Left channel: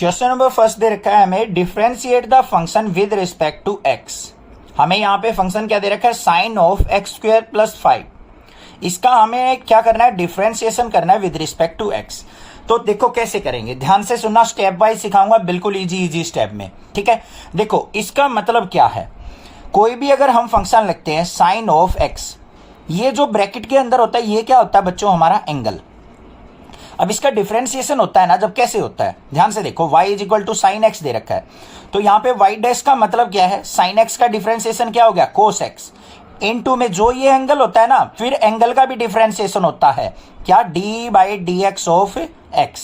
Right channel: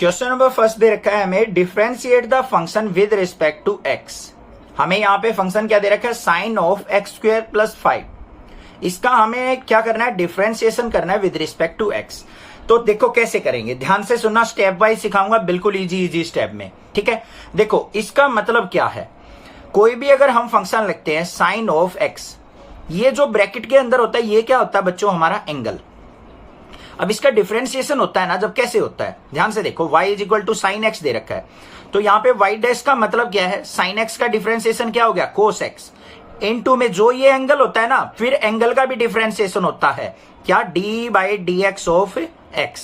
Question number first they रखा है हमें, differentiate the function with respect to x. हमें यहाँ पे फंक्शन क्या दे रखा है, sine of x square plus 5। इसका हमें क्या करना है, डिफरेंशिएशन करना है विद रिस्पेक्ट टू एक्स। तो देखो कैसे करेंगे, ध्यान से सुनना, स्टेप वाइज सिखाऊंगा, बिल्कुल इजी स्टेप में, ठीक है। देखो इसका मतलब क्या है, कोई भी अगर हम फंक्शन लिखते हैं साइन ऑफ एक्स, ये जो ब्रैकेट के अंदर होता है ये क्या होता है बच्चों, हमारा एंगल। अब इसका डिफरेंशिएशन होता है ना, जब कैसे होता है, ध्यान से देखो, y is equal to sine x दे रखा है, तो यहाँ पे y डैश का मतलब क्या है, साइन एक्स का डिफरेंशिएशन क्या हो गया, कोस एक्स। इनटू में जो ये एंगल होता है ना, फिर एंगल का भी डिफरेंशिएशन होता है क्या, d by d x of x.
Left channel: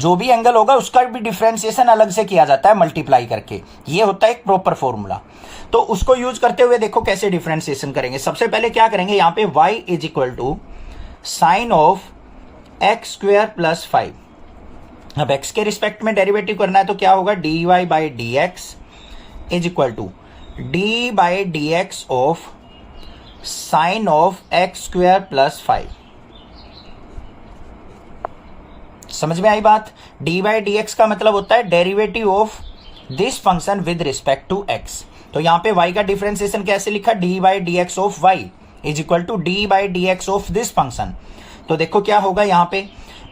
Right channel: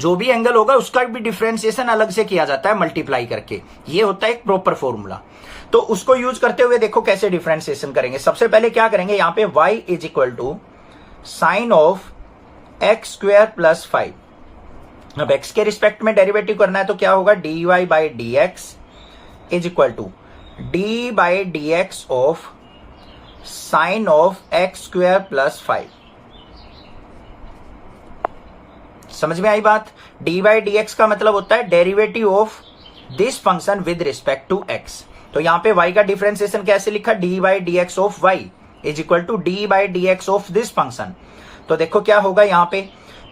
जो भी एंगल होगा उसका भी डिफरेंशिएशन अलग से किया जाता है मल्टीप्लाई करके, ये होता है एक प्रॉपर फॉर्मूला। तो उसको यूज करते हुए देखो कैसे डिफरेंशिएशन करेंगे। सबसे पहले क्या करेंगे, यहाँ पे y is equal to sine of x square plus 5। अब x के रिस्पेक्ट में डेरिवेटिव करना है तो क्या होगा, dy by d x is equal to d by d x of sine of x square plus 5। समझ में आई बात। d बाई डी एक्स का मतलब होता है derivative of this function with respect to x। तो यहां पे y का डिफरेंशिएशन कैसे लिखा, d by d x of y is equal to d by d x of this function. तो देखो क्या होगा, यहां पे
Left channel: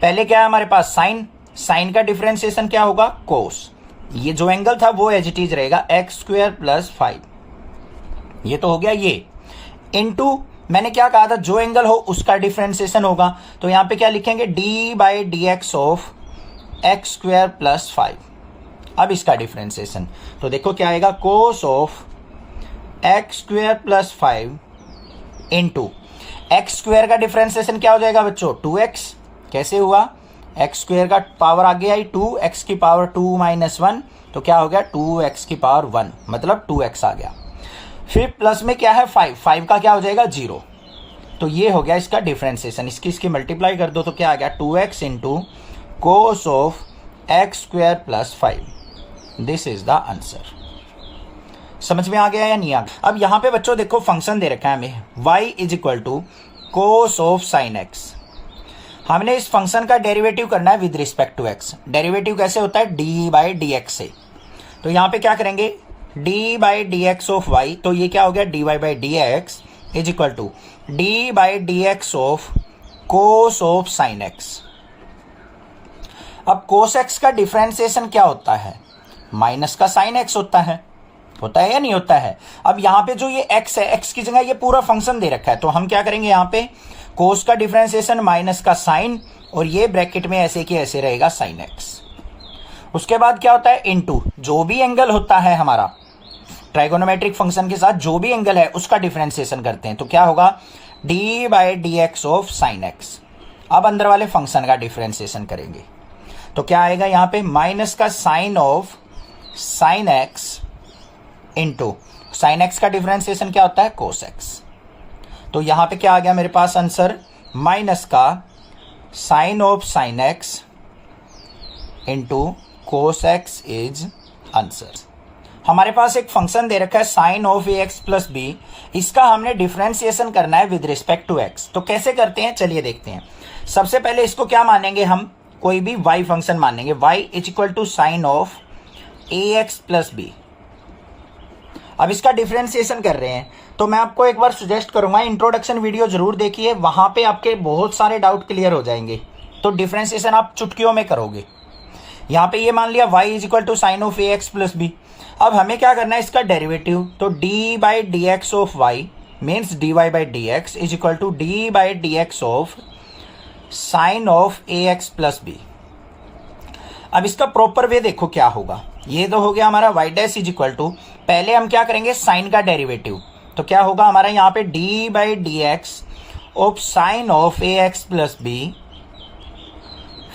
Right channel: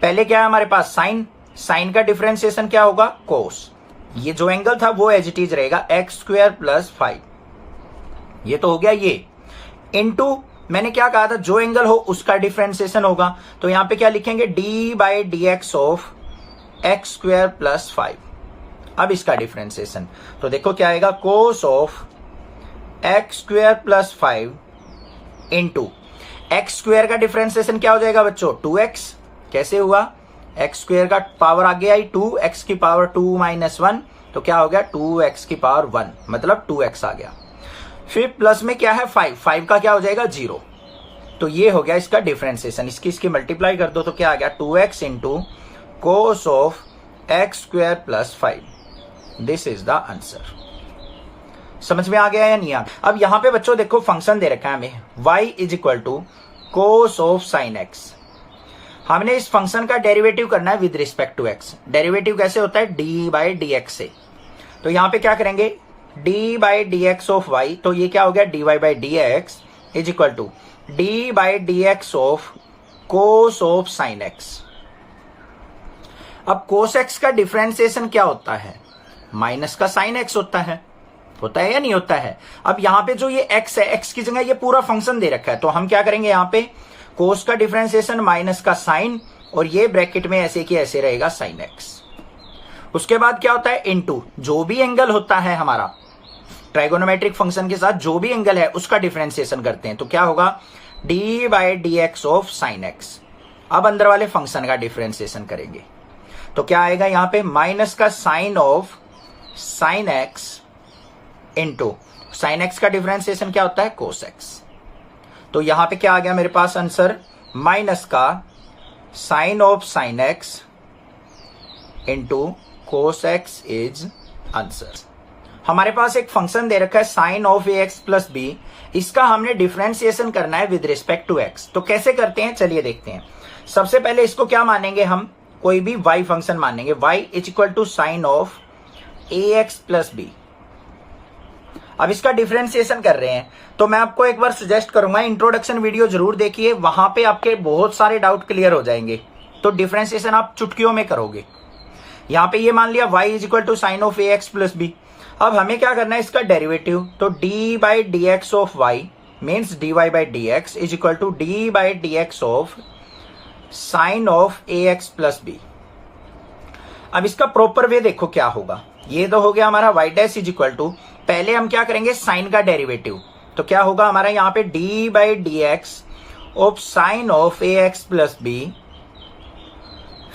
पहले क्या है हमारे पास, साइन, साइन का डिफरेंशिएशन क्या होगा, कोस। ये जो एंगल था वो एज इट इज रहेगा एक्स स्क्वायर प्लस 5, ये तो हो गया ये। इनटू मैंने क्या कहा था, जो एंगल हो उसका डिफरेंशिएशन होगा, तो यहां पे क्या लिखेंगे, d by d x of x square plus 5। अब इसका डिफरेंशिएशन तो देखो क्या आएगा, कोस of x square plus 5 into x square का डिफरेंशिएशन क्या हो जाएगा बच्चों, 2x। कैसे हुआ, एक्स स्क्वायर का पावर आगे आई 2, x की पावर 2 माइनस 1, तो क्या हो गया 2x की पावर 1, मतलब 2x आ गया। फिर प्लस में क्या है 5, 5 का क्या हो जाएगा 0। तो ये हो गया इसका डिफरेंशिएशन। इसकी मल्टीप्लाई कर दो तो क्या आ गया, 2x into cos of x square plus 5। This is the answer. समझ में आ गया या नहीं आ गया। अब यहां पे बच्चों देखो फंक्शन दे रखा है हमें, y is equal to cos of sine x. हमने इस फंक्शन का डेरिवेटिव करना है with respect to x। Derivative कैसे होता है, d बाई डी एक्स से। तो यहां पे क्या करेंगे, d by d x of y, तो ये क्या हो गया, dy by d x is equal to d by d x of cos of sine x. अब कोस एक्स का डिफरेंशिएशन क्या होता है, माइनस का साइन एक्स होता है या नहीं होता है। अब यहां पे जो ये x है, x की जगह ये पूरा फंक्शन दे रखा है, तो हम क्या करेंगे, यहां पे कोस का डिफरेंशिएशन माइनस का साइन, और ये ब्रैकेट में ऐसे की ऐसे रहेगा साइन x। उसके बाद क्या होता है, इनटू जो भी एंगल होता है हमारा ट्राइगोनोमेट्रिक फंक्शन के साथ, जो भी एंगल है उसका डिफरेंशिएशन करते हैं, तो क्या होगा, d by d x of sine x। अब अंदर वाले फंक्शन का डिफरेंशिएशन करेंगे तो क्या आएगा, यहां पे माइनस का sine of sine x into sine x का डिफरेंशिएशन क्या होता है, कोस एक्स। तो यहां पे क्या आ गया मेरे पास आंसर, माइनस का sine of sine x into cos x is answer. हमारे पास एक फंक्शन दे रखा है sine of a x plus b, इसका हमने डिफरेंशिएशन करना है विद रिस्पेक्ट टू एक्स। तो कैसे करते हैं, चलिए देखते हैं। सबसे पहले इसको क्या मानेंगे हम, कोई भी y फंक्शन मानेंगे, y is equal to sine of a x plus b. अब इसका डिफरेंशिएशन कर रहे हैं, तो मैं आपको एक बार सजेस्ट करूंगा, इंट्रोडक्शन वीडियो जरूर देखिए, वहां पे आपके बहुत सारे डाउट क्लियर हो जाएंगे। तो डिफरेंशिएशन आप चुटकियों में करोगे। यहां पे ये मान लिया y is equal to sine of a x plus b. अब हमें क्या करना है, इसका डेरिवेटिव, तो d by d x of y means dy by d x is equal to d by d x of sine of a x plus b. अब इसका proper way देखो क्या होगा, ये तो हो गया हमारा y dash is equal to, पहले हम क्या करेंगे, साइन का डेरिवेटिव, तो क्या होगा हमारा यहाँ पे d by d x of sine of a x plus b,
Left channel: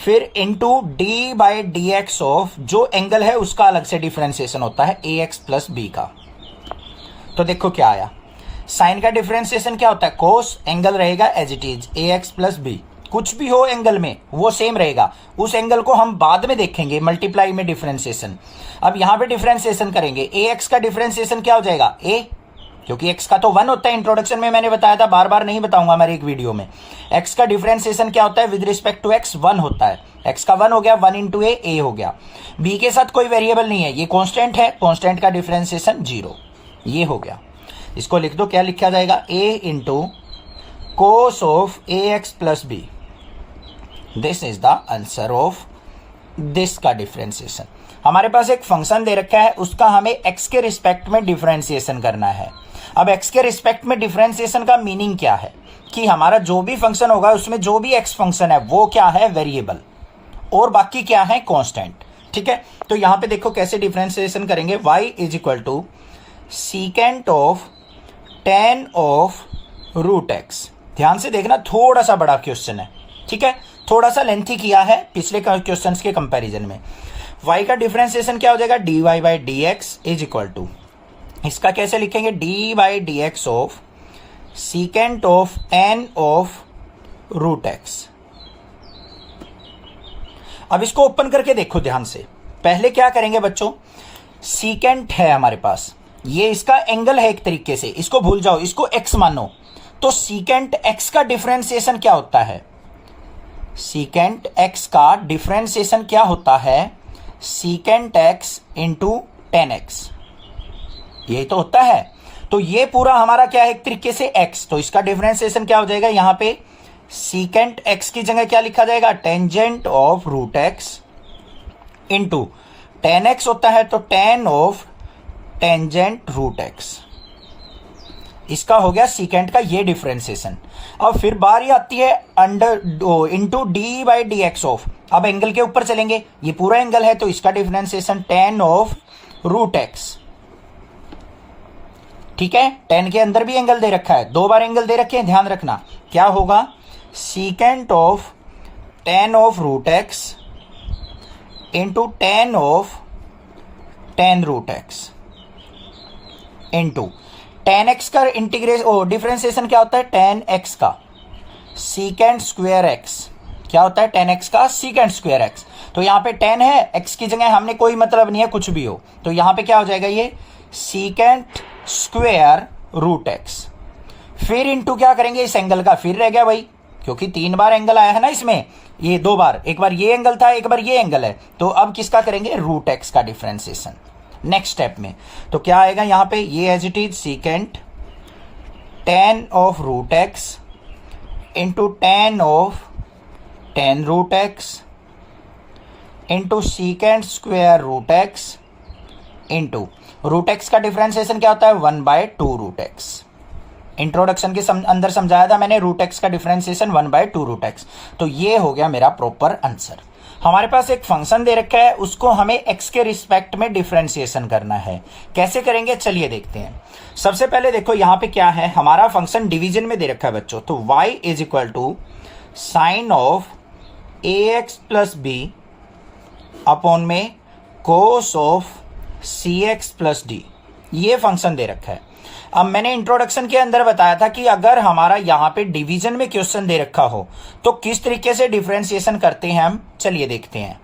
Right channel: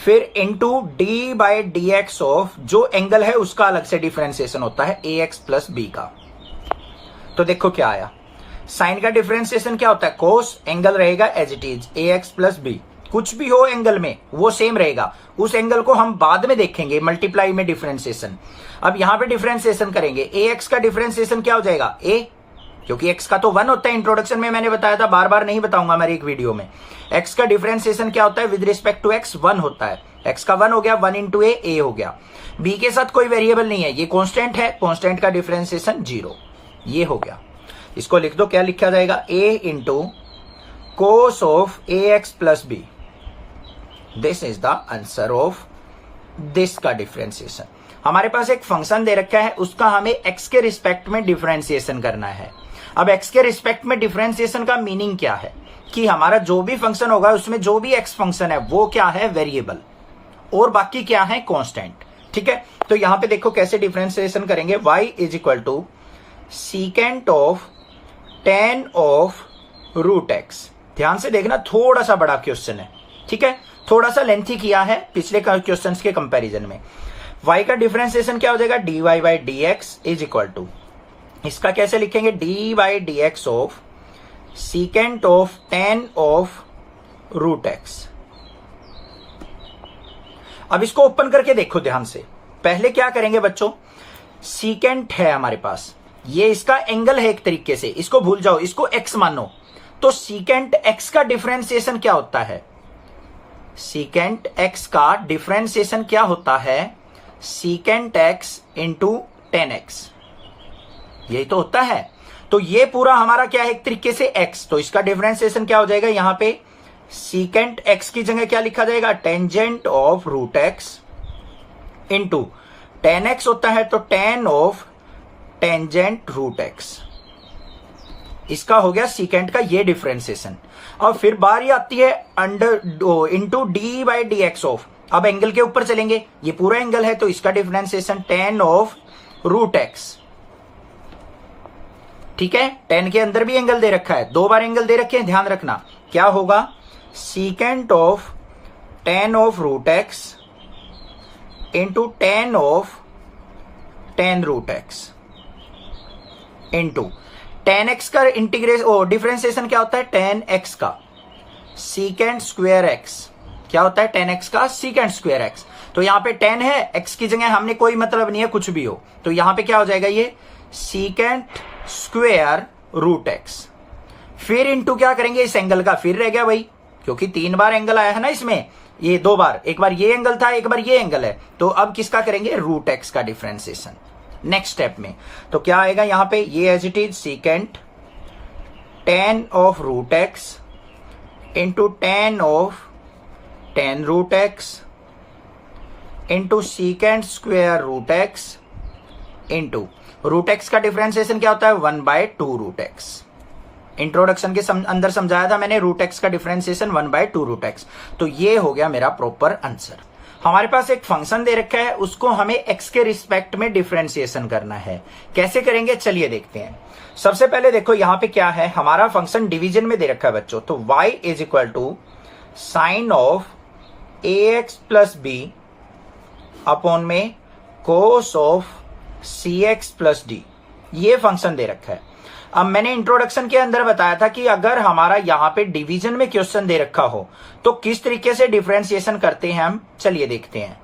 फिर into d by d x of जो एंगल है उसका अलग से डिफरेंशिएशन होता है ए एक्स प्लस बी का। तो देखो क्या आया, साइन का डिफरेंशिएशन क्या होता है, कोस, एंगल रहेगा as it is a x plus b. कुछ भी हो एंगल में वो सेम रहेगा, उस एंगल को हम बाद में देखेंगे मल्टीप्लाई में डिफरेंशिएशन। अब यहां पे डिफरेंशिएशन करेंगे, ए एक्स का डिफरेंशिएशन क्या हो जाएगा, ए, क्योंकि एक्स का तो 1 होता है, इंट्रोडक्शन में मैंने बताया था, बार बार नहीं बताऊंगा मेरी एक वीडियो में। एक्स का डिफरेंशिएशन क्या होता है विद रिस्पेक्ट टू एक्स, 1 होता है, x का 1 हो गया, 1 इंटू ए हो गया। b के साथ कोई वेरिएबल नहीं है, ये कांस्टेंट है, कांस्टेंट का डिफरेंशिएशन 0, ये हो गया। इसको लिख दो, क्या लिखा जाएगा, a into cos of ax plus b। This is the answer of this का डिफरेंशिएशन। हमारे पास एक फंक्शन दे रखा है, उसका हमें x के रिस्पेक्ट में डिफरेंशिएशन करना है। अब x के रिस्पेक्ट में डिफरेंशिएशन का मीनिंग क्या है कि हमारा जो भी फंक्शन होगा उसमें जो भी x फंक्शन है वो क्या है, वेरिएबल, और बाकी क्या है, कांस्टेंट। ठीक है, तो यहां पे देखो कैसे डिफरेंशिएशन करेंगे। y is equal to secant of tan of root x. ध्यान से देखना, थोड़ा सा बड़ा क्वेश्चन है, ठीक है, थोड़ा सा लेंथी किया है पिछले क्वेश्चंस के कंपैरिजन में। y का डिफरेंशिएशन क्या हो जाएगा, dy by d x is equal to, इसका कैसे लिखेंगे, d by d x of secant of tan of root x. अब इसको ओपन करके देखो ध्यान से। पहले क्या करेंगे बच्चों, सीकेंट है हमारे पास, ये इसका एंगल है एक तरीके से, इसको भूल जाओ, इसको x मानो। तो सीकेंट x का डिफरेंशिएशन क्या होता है, सीकेंट x का डिफरेंशिएशन क्या होता है, secant x into tan x, यही तो होता है। तो ये पूरा हमारा क्या है, एक तरीके से x, तो इसका डिफरेंशिएशन क्या हो जाएगा, यहां पे सीकेंट x की जगह क्या लिखा जाएगा, tangent of root x into tan x होता है तो tan of tangent root x. इसका हो गया सीकेंट का ये डिफरेंशिएशन। अब फिर बारी आती है under into d by d x of, अब एंगल के ऊपर चलेंगे, ये पूरा एंगल है तो इसका differentiation tan of root x. ठीक है, टेन के अंदर भी एंगल दे रखा है, दो बार एंगल दे रखे हैं, ध्यान रखना। क्या होगा, secant of tan of root x into tan of tan root x into tan x का इंटीग्रेशन डिफरेंशिएशन क्या होता है, टेन एक्स का सीकेंट स्क्वायर एक्स, क्या होता है, टेन एक्स का सीकेंट स्क्वायर एक्स। तो यहां पे टेन है, एक्स की जगह हमने कोई मतलब नहीं है, कुछ भी हो, तो यहां पे क्या हो जाएगा, ये सीकेंट स्क्वायर रूट एक्स। फिर इंटू क्या करेंगे, इस एंगल का, फिर रह गया भाई, क्योंकि 3 बार एंगल आया है ना इसमें, ये 2 बार, एक बार ये एंगल था, एक बार ये एंगल है, तो अब किसका करेंगे, रूट एक्स का डिफरेंशिएशन नेक्स्ट स्टेप में। तो क्या आएगा यहां पे, ये as it is secant tan of root x into tan of tan root x into secant square root x into root x का डिफरेंशिएशन क्या होता है, 1/2 रूट एक्स। इंट्रोडक्शन के अंदर समझाया था मैंने, रूट एक्स का डिफरेंशिएशन 1/2 रूट एक्स। तो ये हो गया मेरा प्रॉपर आंसर। हमारे पास एक फंक्शन दे रखा है, उसको हमें x के रिस्पेक्ट में डिफरेंशिएशन करना है। कैसे करेंगे, चलिए देखते हैं। सबसे पहले देखो यहां पे क्या है, हमारा फंक्शन डिवीजन में दे रखा है बच्चों, तो y is equal to sine of ax plus b upon में cos of cx plus d, ये फंक्शन दे रखा है। अब मैंने इंट्रोडक्शन के अंदर बताया था कि अगर हमारा यहां पे डिवीजन में क्वेश्चन दे रखा हो तो किस तरीके से डिफरेंशिएशन करते हैं हम, चलिए देखते हैं।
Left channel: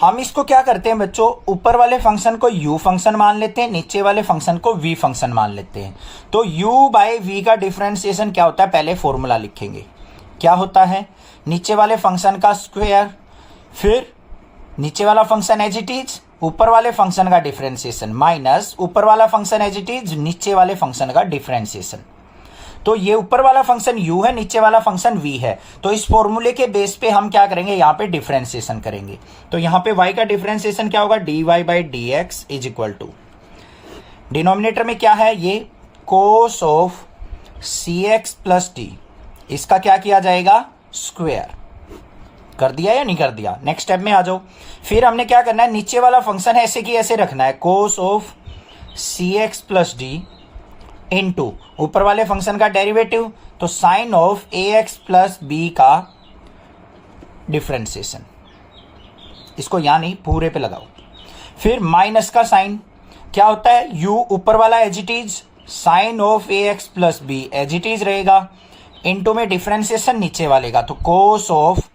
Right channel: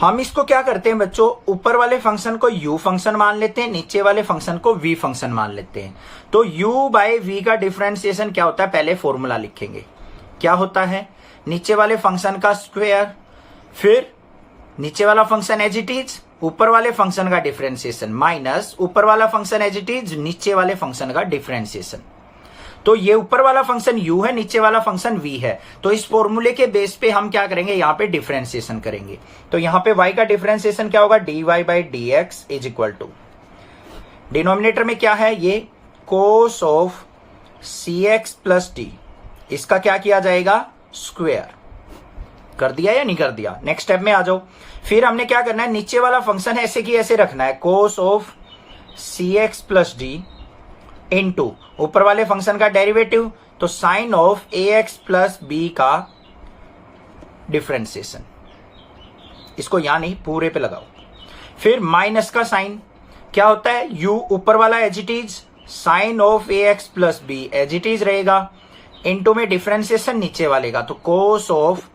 हम इसको क्या करते हैं बच्चों, ऊपर वाले फंक्शन को u फंक्शन मान लेते हैं, नीचे वाले फंक्शन को v फंक्शन मान लेते हैं। तो u बाई v का डिफरेंशिएशन क्या होता है, पहले फॉर्मूला लिखेंगे, क्या होता है, नीचे वाले फंक्शन का स्क्वायर, फिर नीचे वाला फंक्शन एज इट इज, ऊपर वाले फंक्शन का डिफरेंशिएशन माइनस ऊपर वाला फंक्शन एज इट इज, नीचे वाले फंक्शन का डिफरेंशिएशन। तो ये ऊपर वाला फंक्शन u है, नीचे वाला फंक्शन v है, तो इस फॉर्मूले के बेस पे हम क्या करेंगे, यहाँ पे डिफरेंशिएशन करेंगे। तो यहाँ पे y का डिफरेंशिएशन क्या होगा, dy by d x is equal to, denominator में क्या है, ये cos of cx plus d, इसका क्या किया जाएगा, स्क्वायर। कर दिया या नहीं कर दिया, नेक्स्ट स्टेप में आ जाओ। फिर हमने क्या करना है, नीचे वाला फंक्शन ऐसे की ऐसे रखना है, cos of cx plus d into ऊपर वाले फंक्शन का डेरिवेटिव, तो sine of ax plus b का डिफरेंशिएशन, इसको यहां नहीं पूरे पे लगाओ। फिर माइनस का साइन, क्या होता है, u ऊपर वाला as it is, sine of ax plus b as it is रहेगा, इंटू में डिफरेंशिएशन नीचे वाले का, तो cos of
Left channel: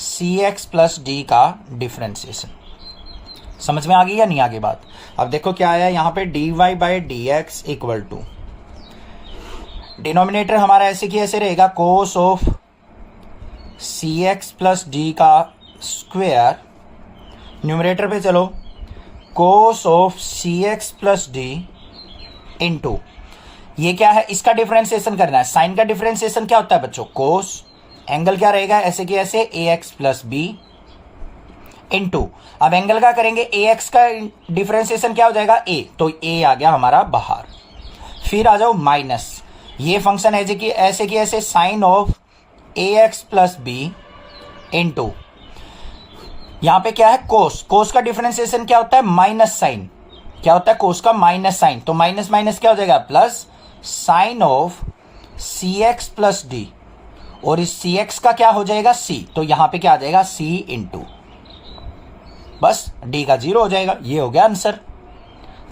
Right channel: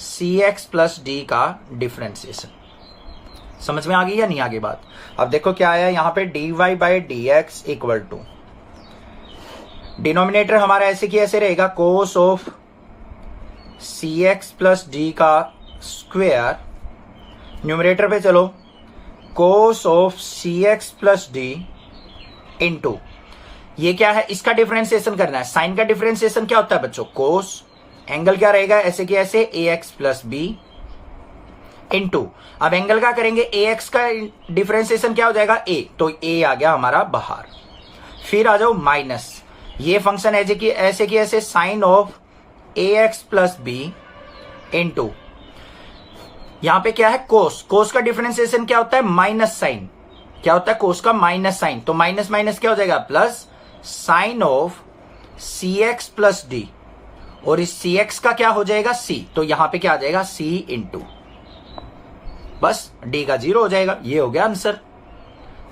cx plus d का डिफरेंशिएशन। समझ में आ गई या नहीं आगे बात। अब देखो क्या आया यहां पे, dy by d x equal to, denominator हमारा ऐसे की ऐसे रहेगा, cos of c x plus d का स्क्वेयर, न्यूमरेटर पे चलो, cos of c x plus d into, ये क्या है, इसका डिफरेंशिएशन करना है। साइन का डिफरेंशिएशन क्या होता है बच्चों, कोस, एंगल क्या रहेगा ऐसे कि ऐसे ए एक्स प्लस बी इंटू, अब एंगल का करेंगे ए एक्स का डिफरेंशिएशन क्या हो जाएगा ए, तो ए आ गया हमारा बाहर। फिर आ जाओ माइनस, ये फंक्शन है कि ऐसे sine of a x plus b into, यहां पे क्या है कोस, कोस का डिफरेंशिएशन क्या होता है माइनस साइन, क्या होता है कोस का माइनस साइन, तो माइनस माइनस क्या हो जाएगा plus sine of c x plus d, और इस सी एक्स का क्या हो जाएगा सी, तो यहां पे क्या आ जाएगा सी इंटू, बस डी का 0 हो जाएगा। ये हो गया आंसर,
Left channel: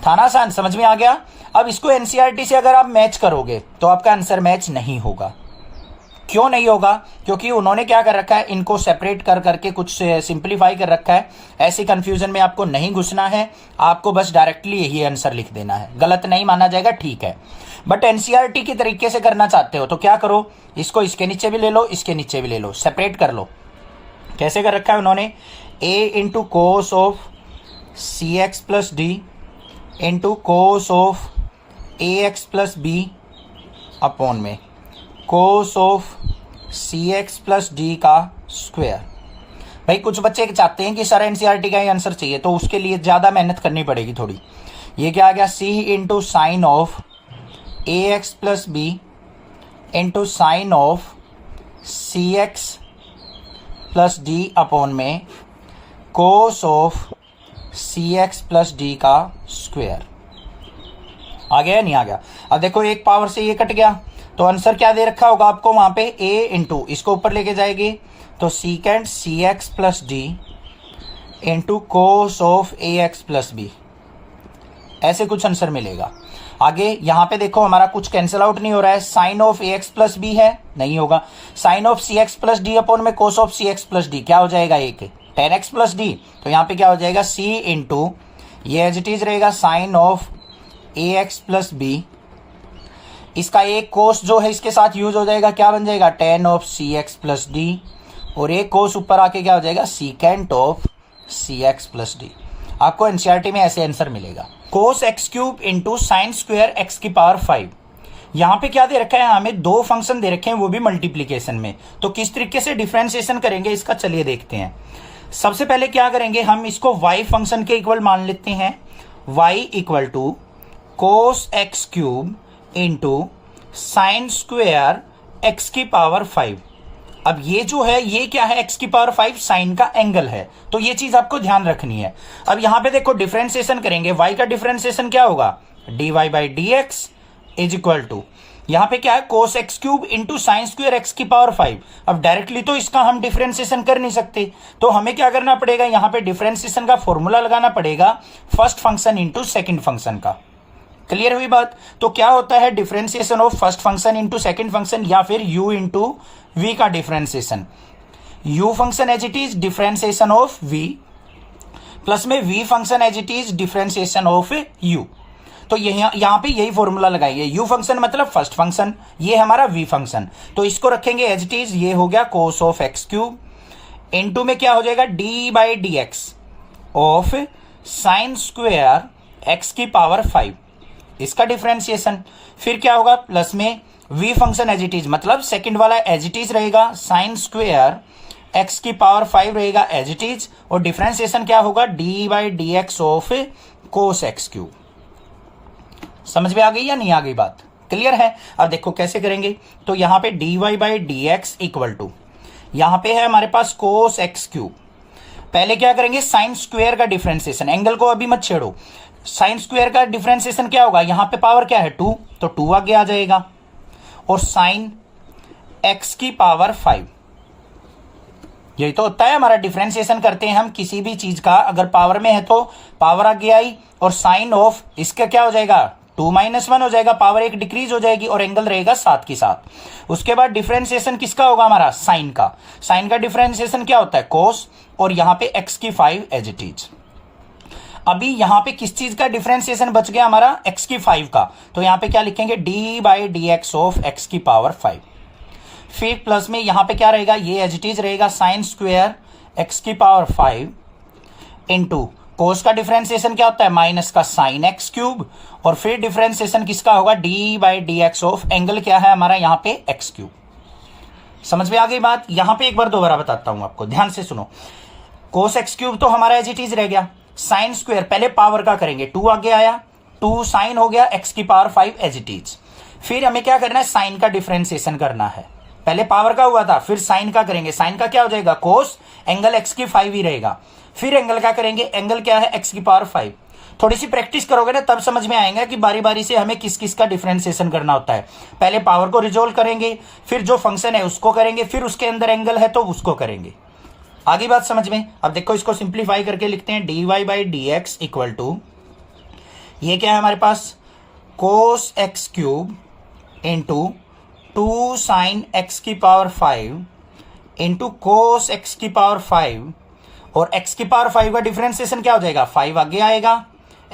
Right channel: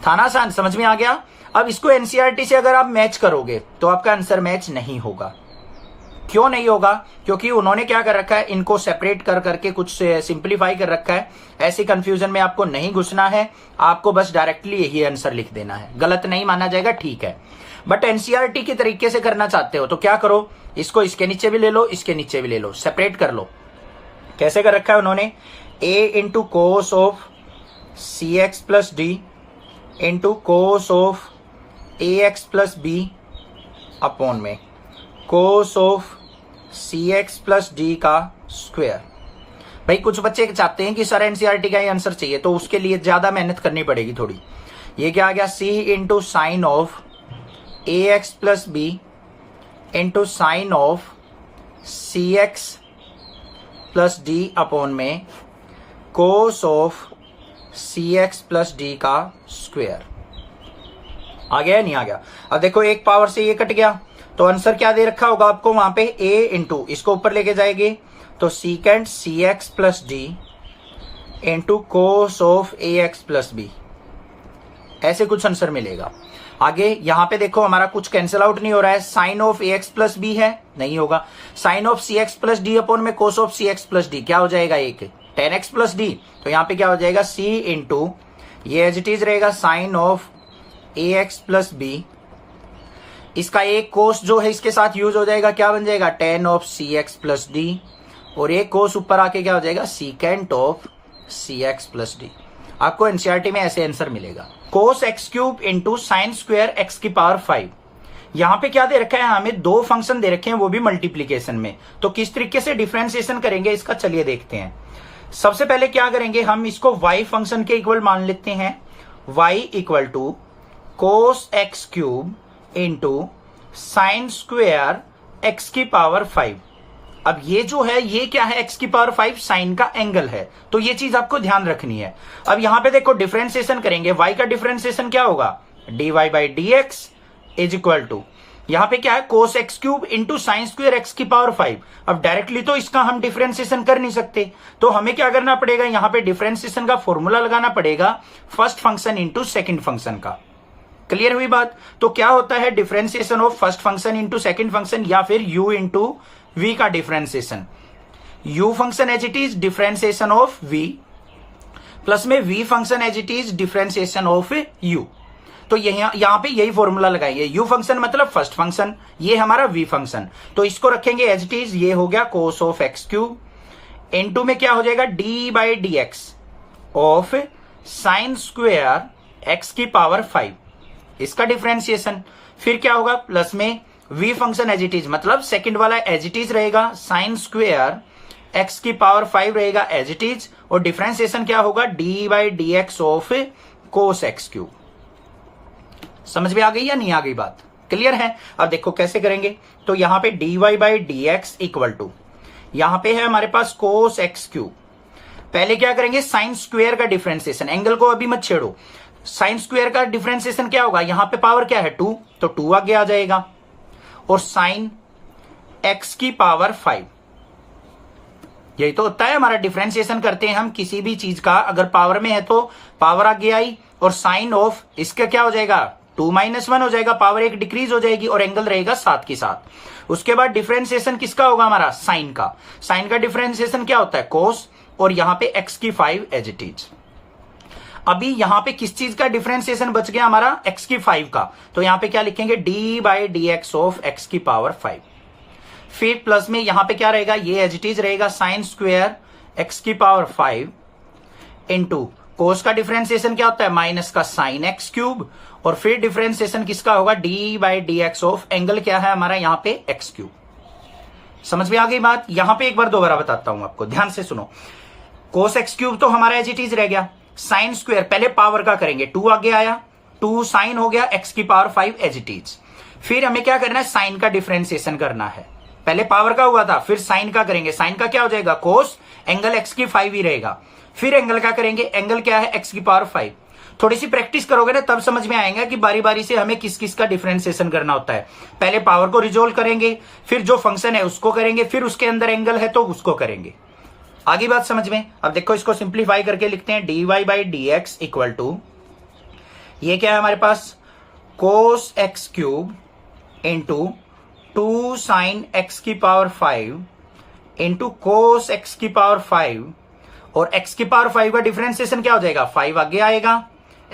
था ना आसान, समझ में आ गया। अब इसको एनसीईआरटी से अगर आप मैच करोगे तो आपका आंसर मैच नहीं होगा। क्यों नहीं होगा, क्योंकि उन्होंने क्या कर रखा है, इनको सेपरेट कर करके कुछ सिंपलीफाई कर रखा है। ऐसी कंफ्यूजन में आपको नहीं घुसना है, आपको बस डायरेक्टली यही आंसर लिख देना है, गलत नहीं माना जाएगा, ठीक है। बट एनसीईआरटी की तरीके से करना चाहते हो तो क्या करो, इसको इसके नीचे भी ले लो, इसके नीचे भी ले लो, सेपरेट कर लो। कैसे कर रखा है उन्होंने, a into cos of c x plus d into cos of a x plus b upon में cos of c x plus d का स्क्वायर। भाई कुछ बच्चे चाहते हैं कि सर एनसीईआरटी का ही आंसर चाहिए, तो उसके लिए ज्यादा मेहनत करनी पड़ेगी थोड़ी। ये क्या आ गया, c into sine of a x plus b into sine of c x plus d upon में cos of c x plus d का स्क्वायर। आ गया नहीं आ गया। अब देखो एक पावर से ये कट गया, तो आंसर क्या दे रखा होगा आपको वहां पे, a इंटू, इसको ऊपर लेके जाएंगे तो secant c x plus d into cos of a x plus b, ऐसे कुछ आंसर मिलेगा। आगे यहां पे देखो हमारा कुछ कैंसिल आउट नहीं हो रहा है, sine of a x plus b है, नहीं होगा। Sine of c x plus d upon में cos of c x plus d क्या हो जाएगा, एक टेन एक्स प्लस डी, तो यहां पे क्या हो जाएगा c इंटू, ये एज इट इज रहेगा sine of a x plus b, इसका एक कोस जो है इसके साथ यूज हो जाएगा, क्या बन जाएगा tan of c x plus d, और एक कोस ऊपर आके क्या हो जाएगा secant of c x plus d. आपको एनसीईआरटी में ऐसे आंसर मिलेगा, cos x cube into sine square x की पावर 5। यहां पे क्या दे रखा है, हमें दो फंक्शन दे रखे हैं, वो भी मल्टीप्लीकेशन में, तो किस तरीके से डिफरेंशिएशन करेंगे इसका चलिए देखते हैं। सबसे पहले क्या करेंगे, हम इसको y फंक्शन के इक्वल मान लेते हैं, y equal to cos x cube into sine square x की पावर 5। अब ये जो है ये क्या है, एक्स की पावर 5 साइन का एंगल है, तो ये चीज आपको ध्यान रखनी है। अब यहां पे देखो डिफरेंशिएशन करेंगे, y का डिफरेंशिएशन क्या होगा, dy by d x is equal to, यहां पे क्या है cos x cube into sine square x की पावर 5। अब डायरेक्टली तो इसका हम डिफरेंशिएशन कर नहीं सकते, तो हमें क्या करना पड़ेगा, यहां पे डिफरेंशिएशन का फॉर्मूला लगाना पड़ेगा first function into second function का। क्लियर हुई बात। तो क्या होता है differentiation of first function into second function, या फिर u इंटू वी का differentiation, u function as it is differentiation of v plus में v function as it is differentiation of u। तो यहां पे यही फॉर्मूला लगाइए, u फंक्शन मतलब फर्स्ट फंक्शन, ये हमारा v फंक्शन, तो इसको रखेंगे एज इट इज, ये हो गया cos of x cube into में क्या हो जाएगा d by d x of sine square x की पावर 5, इसका डिफरेंशिएशन। फिर क्या होगा प्लस में v function as it is, मतलब सेकंड वाला एज इट इज रहेगा, साइन स्क्वेयर एक्स की पावर 5 रहेगा एज इट इज, और डिफरेंशिएशन क्या होगा d by d x of cos x cube. समझ में आ गई या नहीं आ गई बात, क्लियर है। अब देखो कैसे करेंगे, तो यहां पे dy by d x equal to, यहां पे है हमारे पास कोस एक्स क्यूब, पहले क्या करेंगे साइन स्क्वायर का डिफरेंशिएशन, एंगल को अभी मत छेड़ो, साइन स्क्वायर का डिफरेंशिएशन क्या होगा, यहां पे पावर क्या है 2, तो 2 आगे आ जाएगा, और साइन एक्स की पावर 5, यही तो होता है हमारा डिफरेंशिएशन करते हैं हम किसी भी चीज का, अगर पावर में है तो पावर आगे आई, और साइन ऑफ इसका क्या हो जाएगा 2 माइनस 1 हो जाएगा, पावर एक डिक्रीज हो जाएगी, और एंगल रहेगा साथ के साथ। उसके बाद डिफरेंशिएशन किसका होगा हमारा, साइन का, साइन का डिफरेंशिएशन क्या होता है कोस, और यहां पे एक्स की 5 एज इट इज। अभी यहां पे किस चीज का डिफरेंशिएशन बच गया हमारा, एक्स की 5 का, तो यहां पे क्या लिखेंगे d by d x of x की पावर 5। फिर प्लस में यहां पे क्या रहेगा, ये एज इट इज रहेगा साइन स्क्वायर एक्स की पावर 5 इंटू कोस का डिफरेंशिएशन क्या होता है, माइनस का साइन एक्स क्यूब, और फिर डिफरेंशिएशन किसका होगा, D by d x of angle क्या है हमारा यहां पे एक्स क्यूब। समझ में आ गई बात। यहां पे एक बार दोबारा बताता हूं आपको, ध्यान से सुनो। कोस एक्स क्यूब तो हमारा एज इट इज रह गया, साइन स्क्वायर पहले पावर का करेंगे, 2 आगे आया, 2 साइन हो गया एक्स की पावर 5 एज इट इज। फिर हमें क्या करना है, साइन का डिफरेंशिएशन करना है, पहले पावर का हुआ था फिर साइन का करेंगे, साइन का क्या हो जाएगा कोस, एंगल एक्स की 5 ही रहेगा। फिर एंगल का करेंगे, एंगल क्या है एक्स की पावर 5। थोड़ी सी प्रैक्टिस करोगे ना तब समझ में आएगा कि बारी बारी से हमें किस किस का डिफरेंशिएशन करना होता है। पहले पावर को रिजोल्व करेंगे, फिर जो फंक्शन है उसको करेंगे, फिर उसके अंदर एंगल है तो उसको करेंगे। आगे बात समझ में। अब देखो इसको सिंप्लीफाई करके लिखते हैं, d y by d x equal to, ये क्या है हमारे पास, cos x cube into 2 sine x की पावर 5 इंटू कोस एक्स की पावर 5, और x की पावर 5 का डिफरेंशिएशन क्या हो जाएगा, 5 आगे आएगा,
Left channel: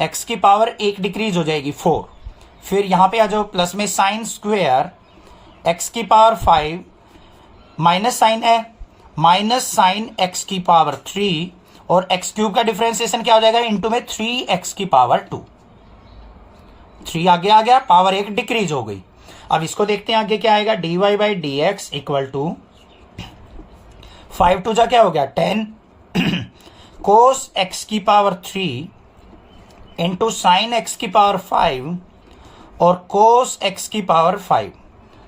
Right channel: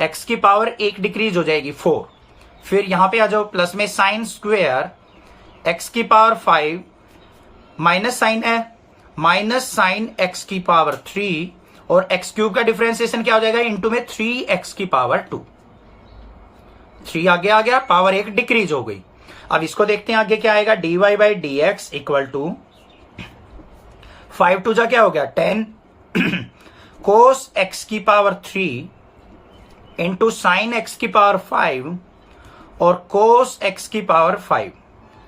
x की पावर 1 डिक्रीज हो जाएगी 4। फिर यहां पे आ जाओ, प्लस में साइन स्क्वायर x की पावर 5 माइनस साइन है, माइनस साइन x की पावर 3, और x क्यूब का डिफरेंशिएशन क्या हो जाएगा, इंटू में 3x की पावर 2। 3 आगे आ गया, पावर 1 डिक्रीज हो गई। अब इसको देखते हैं आगे क्या आएगा, d y by d x equal to 5 two जा क्या हो गया 10 कोस एक्स की पावर 3 इंटू साइन एक्स की पावर 5 और कोस एक्स की पावर 5,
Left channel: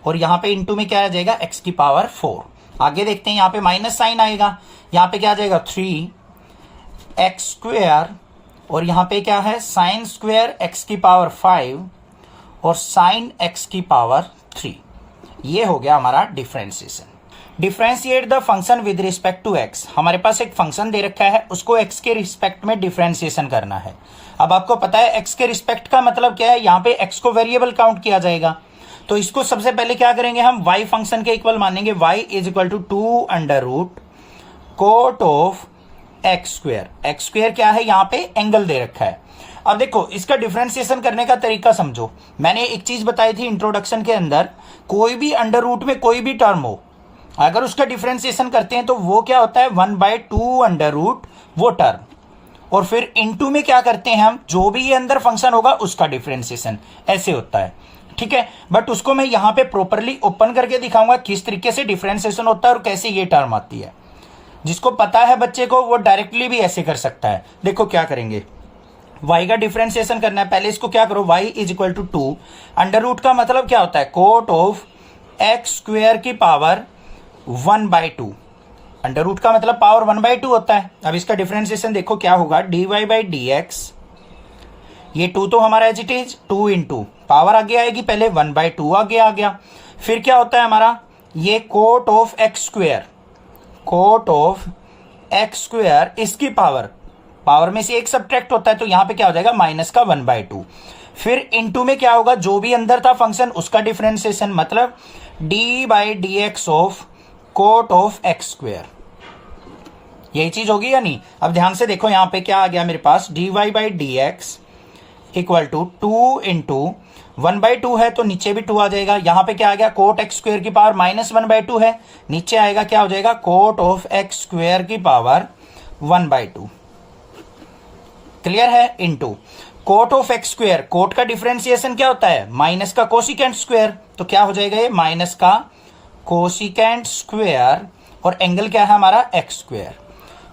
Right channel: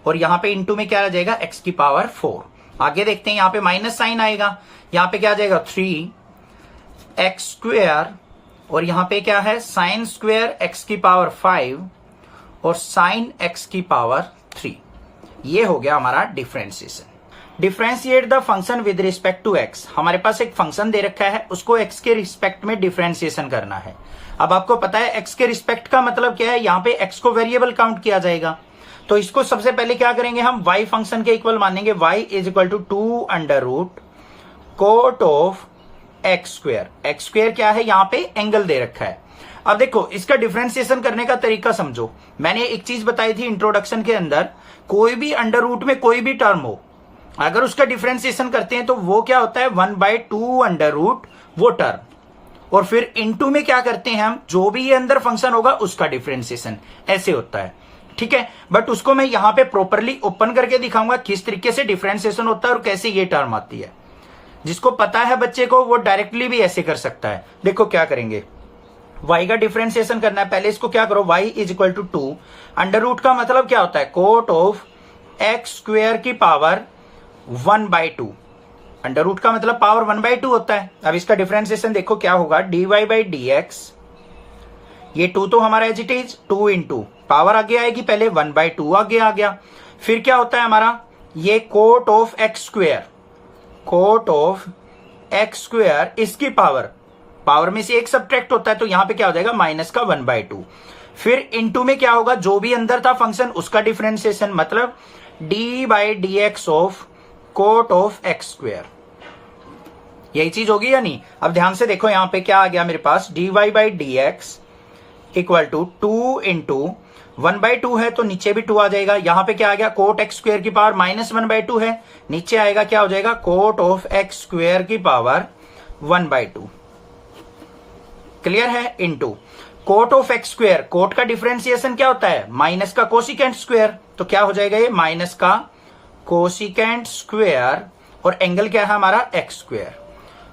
और यहां पे इंटू में क्या आ जाएगा एक्स की पावर 4। आगे देखते हैं, यहां पे माइनस साइन आएगा, यहां पे क्या आ जाएगा 3 एक्स स्क्वेयर, और यहां पे क्या है साइन स्क्वेयर एक्स की पावर 5 और साइन एक्स की पावर 3। ये हो गया हमारा differentiation. Differentiate the function with respect to x. हमारे पास एक फंक्शन दे रखा है, उसको एक्स के रिस्पेक्ट में डिफरेंशिएशन करना है। अब आपको पता है एक्स के रिस्पेक्ट का मतलब क्या है, यहां पे एक्स को वेरिएबल काउंट किया जाएगा। तो इसको सबसे पहले क्या करेंगे, हम y फंक्शन के इक्वल मानेंगे, y is equal to 2 under root cot of x square. X square क्या है, यहां पे एंगल दे रखा है। अब देखो इसका डिफरेंशिएशन करने का तरीका समझो। मैंने एक चीज बताई थी इंट्रोडक्शन के अंदर, कोई भी अंडर रूट में कोई भी टर्म हो, अगर उसका डिफरेंशिएशन करते हैं तो वो क्या होता है 1/2 अंडर रूट वो टर्म, और फिर इनटू में क्या करते हैं हम, जो भी ये अंदर फंक्शन होगा उसका डिफरेंशिएशन, ऐसे होता है। ठीक है, बट उसको मैं यहां पे प्रॉपरली ओपन करके दिखाऊंगा किस तरीके से डिफरेंशिएशन होता है और कैसे ये टर्म आती है। जिसको पता है बच्चे को वो डायरेक्टली भी ऐसे कर सकता है। देखो क्या करेंगे, y का डिफरेंशिएशन करना है, पहले इसको क्या करो, y is equal to 2 under root का मतलब क्या होता है, कोट ऑफ एक्स स्क्वेयर की पावर 1/2। अंडर रूट का मतलब पावर 1/2 होता है। अब इसका डिफरेंशिएशन देखो क्या होगा, d y by d x, ये 2 तो हमारा as it is 2 into power आगे आएगी, पहले 1/2 आगे आ गया। फिर क्या होता है हमारा, ये cot of x square, cot of x square इसकी पावर, पावर में से एक सब्ट्रैक्ट होता है तो यहां पे क्या हो जाएगा माइनस का 1/2। फिर इनटू में क्या होगा, जो भी अंदर था फंक्शन उसका डिफरेंशिएशन, मतलब d by d x of cot of x square. यही चीज होगी या नहीं। अब ध्यान से देखो यहां पे क्या आ गया मेरे पास, d y by d x equal to 2 into 1/2 है तो नीचे भी 2 आ जाएगा। यहां पे क्या आ गया, कोट एक्स स्क्वेयर की पावर माइनस 1/2 है, नीचे आएगा क्या हो जाएगा, कोट ऑफ एक्स स्क्वेयर की पावर 1/2। क्लियर है, into cot of x square, cot का डिफरेंशिएशन क्या होता है, माइनस का कोसिकेंट स्क्वेयर, तो क्या हो जाएगा ये माइनस का कोसिकेंट स्क्वेयर, और एंगल क्या है हमारा एक्स स्क्वेयर।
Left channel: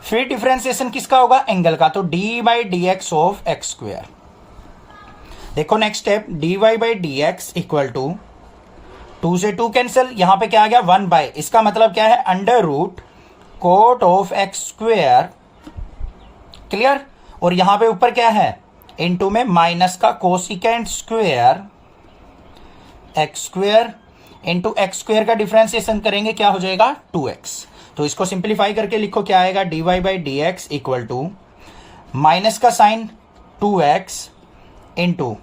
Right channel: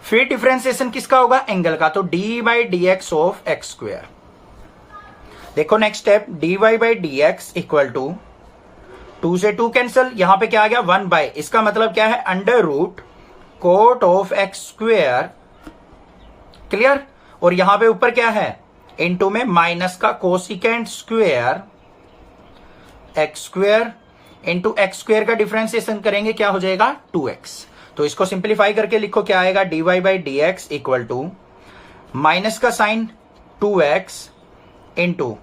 फिर डिफरेंशिएशन किसका होगा, एंगल का, तो d by d x of x square. देखो next step, d y by d x equal to 2 से 2 कैंसिल, यहां पे क्या आ गया 1/, इसका मतलब क्या है under root cot of x square. Clear, और यहां पे ऊपर क्या है, इनटू में माइनस का cosecant square x square into x square का डिफरेंशिएशन करेंगे क्या हो जाएगा 2x। तो इसको सिंप्लीफाई करके लिखो क्या आएगा, d y by d x equal to minus का sine 2x into